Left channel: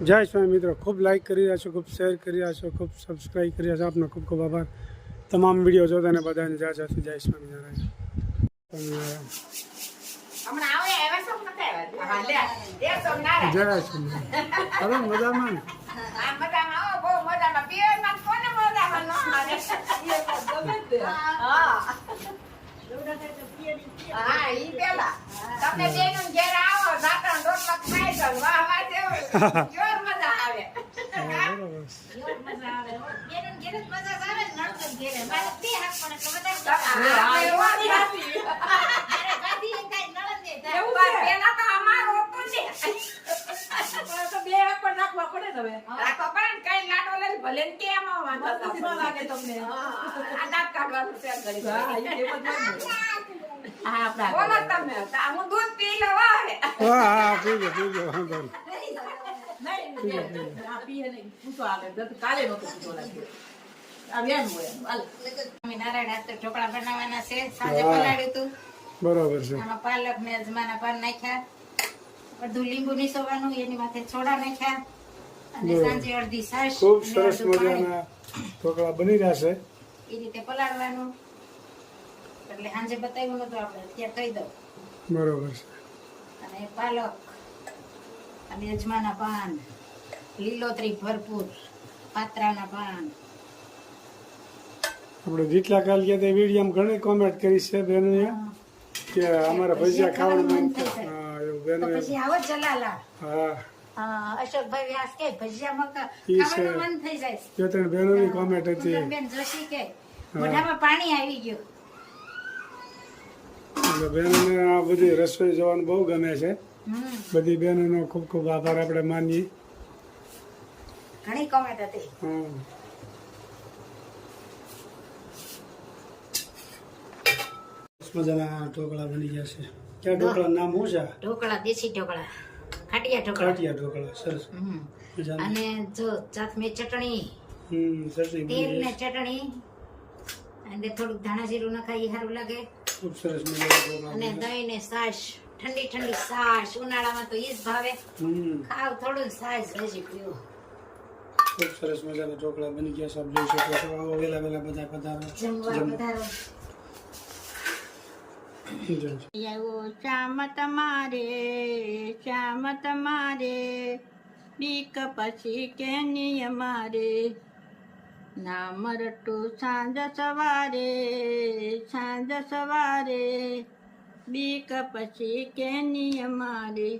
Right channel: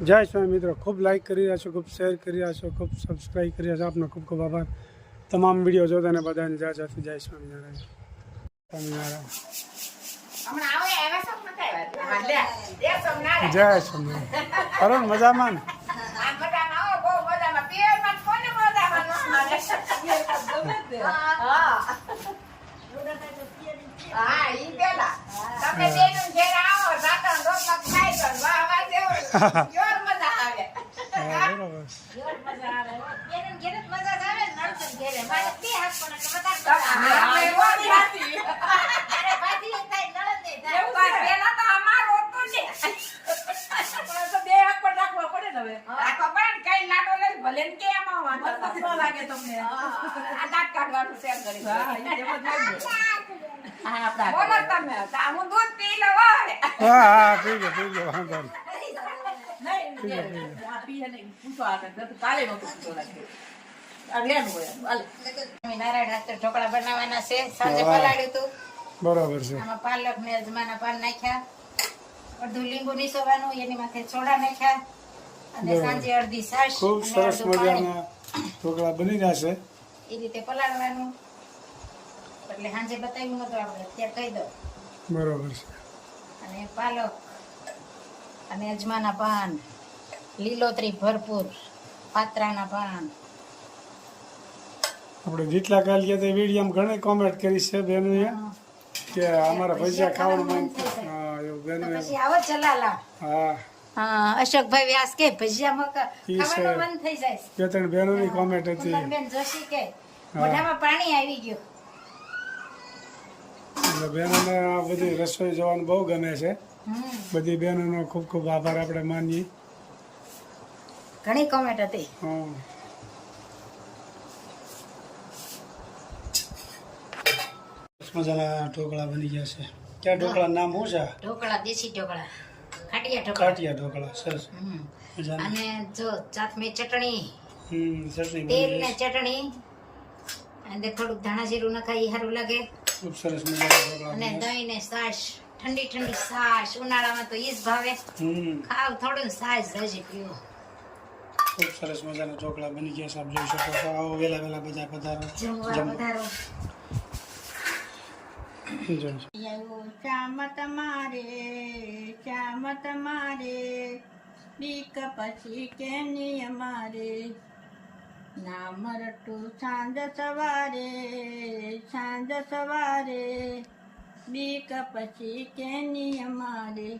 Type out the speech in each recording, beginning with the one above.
જય સ્વામી મિત્રો, ખૂબ લાઇક કરી રહ્યા છો, ખૂબ શેર કરી રહ્યા છો, ખૂબ સબસ્ક્રાઈબ કરી રહ્યા છો. આપનો ખૂબ ખૂબ આભાર. તમામ વિડીયો જોતાને બધાને જય જય જય સ્વામિનારાયણ. જય સ્વામિનારાયણ. હલો મજામાં ને? ઢોકળા બનાવવાના છે. સાંજે પલાળ્યું તું બરોબર છે. આમાં પાલક ને અજમાના પાન નાખ્યા, અડધું લીંબુ નીસોવાનું, એની માથે સોડા નાખ્યા અને સાંજે અડધી છાશ. ખૂબ સરસ મજાના ઢોકળા બની રહ્યા છે. એ રીતે પલાળવાનું. એટલે સાંજે બતાવ્યું નતું, આપણે અત્યારે કહી દો. બરોબર છે. અને પાલક અને અજમાના પાન, લીલોતરી ભરપૂર, પાત્રાના પાન. આપણે જેટલા કાલ ગયા તે વિડીયોમાં ઘણી કોમેન્ટ કરી છે બહેનોએ કે અમારા ભજીયા ખાવાનું મન થાય. હા એવું બહેનોએ. પછી આવો જલાલા. હા અશોકભાઈ વ્યાસ કે ભજીયા ઈ છે. ખાવાનું મન થઈ જાય. બે ત્રણ બહેનોની કોમેન્ટ હતી. કુંદનબેન જોશી કે મોઢામાં પાણી આવી ગયું. એટલે બહેનોને આ બધી રસોઈ જોવાનું બહુ ગમે છે. બધી બહેનોનો ખૂબ ખૂબ આભાર આપણે માનીએ. ઘણી કોમેન્ટ હતી. હા મજાના ઢોકળા બની ગયા છે. ક્યાં ઢોકળા નામ શું છે? ઢોકળા, દેશી ઢોકળા, ખાટિયા ઢોકળા. કાઠિયા ઢોકળા. સરસ મજાના. અને જો સાથમે ચટણી, ચટણી તેલ બની ને રહી છે. ચટણી, અને થોડુંક ધાણા જીરું નખાય, સારું લાગે. ખૂબ સરસ મજાના ઢોકળા અને બન્યા છે. દહીં ને છાશ, ઠંડી ઠંડી છાશ. ઉનાળામાં તો ઈ જ ભાવે. ખાવ થોડું છાશ હજી પીવો. ખૂબ સરસ મજાના ઢોકળા બની ગયા છે. આપ જોઈ શકો છો. આવો વેલા વેલા બધા પધારો જમવા પધારો. શ્યામ તમારે બીક પછી કેની અમારે, નામ રટું સાંજ સવારે બીક પછી કેની અમારે,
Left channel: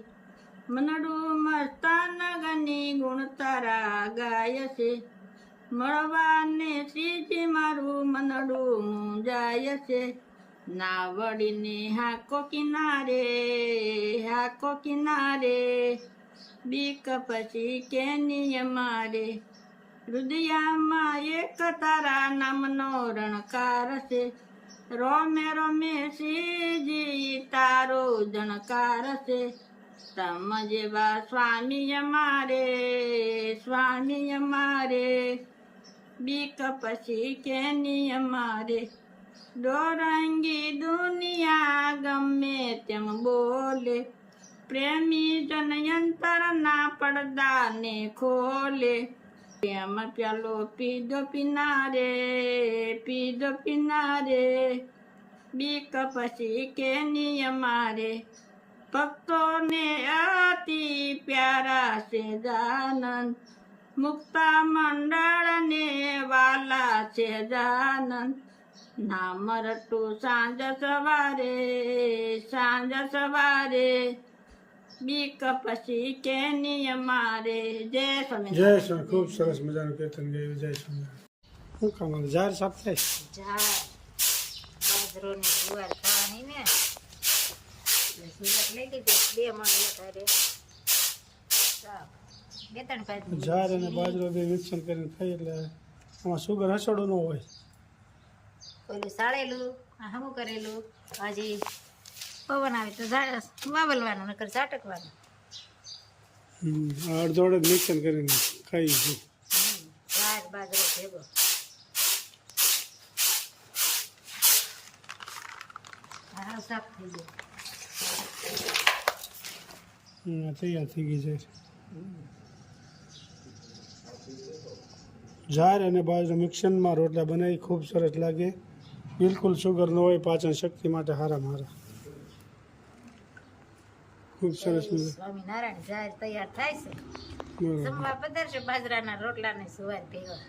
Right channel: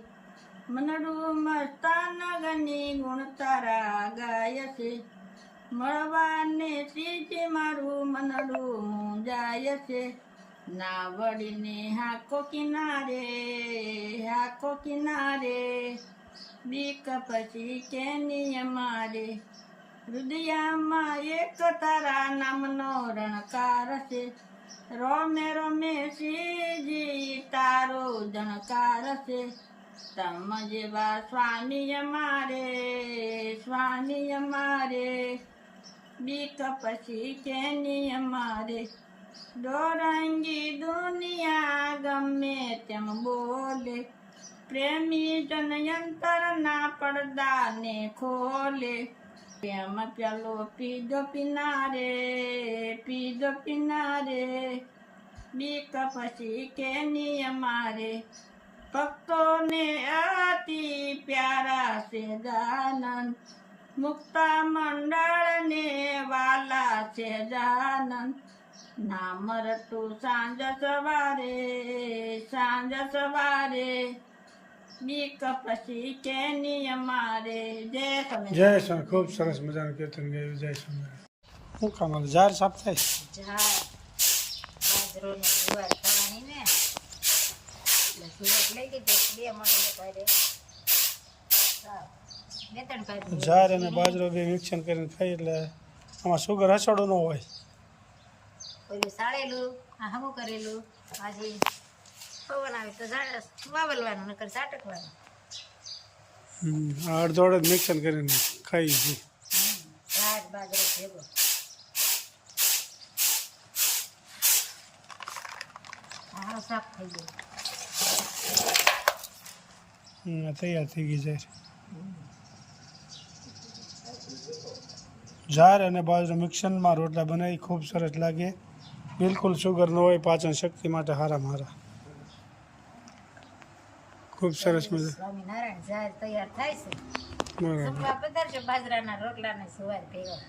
મનડું મસ્તાન ગની ગુણ તારા ગાય છે, મળવાને શ્રીજી મારું મનડું મુંજાય છે, ના વળીને હાકો કિનારે બીક પછી કેની અમારે, હૃદયમાં એક તારા નામનો રણકાર છે, રોમે રોમે શ્રીજી તારો જણકાર છે, તમ જેવા સ્વામી અમારે બીક પછી કેની અમારે, દોરંગી દુનિયા ગમે તેમ બોલે, પ્રેમી જનયંતર ના પડદા ને ખોલે, પ્રેમ પ્યાલો પીધો પીનારે બીક પછી કેની અમારે, ભક્તોને અતિ પ્યારા છે જાનંદ, મુક્તા મંડળ ને વાલા છે જાનંદ, નામ રટું સાંજ સવારે બીક પછી કેની અમારે. જય સ્વામી. જય સ્વામી. ખૂબ સરસ મજાનું કીર્તન ગાયું. જય સ્વામી. શું કામ આવે? ઝાર સાફ થાય. ઝાડ, બાજરો ને જુવાર ખાવાની ને, એટલે જુવાર લઈ લીધી 2 મણ ભારે. બે ત્રણ ભારે. ઝાર અને બાજરો બે મિક્સન કરીને ખાઈ એટલે આમાં સુગર હસોડો ન હોય. ઓલું સાળેલું, આ હમું કરેલું, હજી પવન આવે તો વાવલવાનું, નકર ઝાટકવાનું. અડધો અડધ મિક્સન કરીને ખાઈ છે. ઝાડ બાજરો ભેગો. આ સાફ થઈ ગયું. તૈયાર થઈ ગઈ જાય. જાર અને બાજરીના મિક્સરમાં રોટલા બનાવી ખૂબ સરસ લાગે. બિલકુલ શુગર ન હોય, પાચન શક્તિ માટે હારામાં હારા. ખૂબ સરસ મજા. સ્વામિનારાયણ જાહેર તૈયાર થાય છે. બરાબર. જમવા પધારશો બાજરાના રોટલા ને સુવાર ભેગા.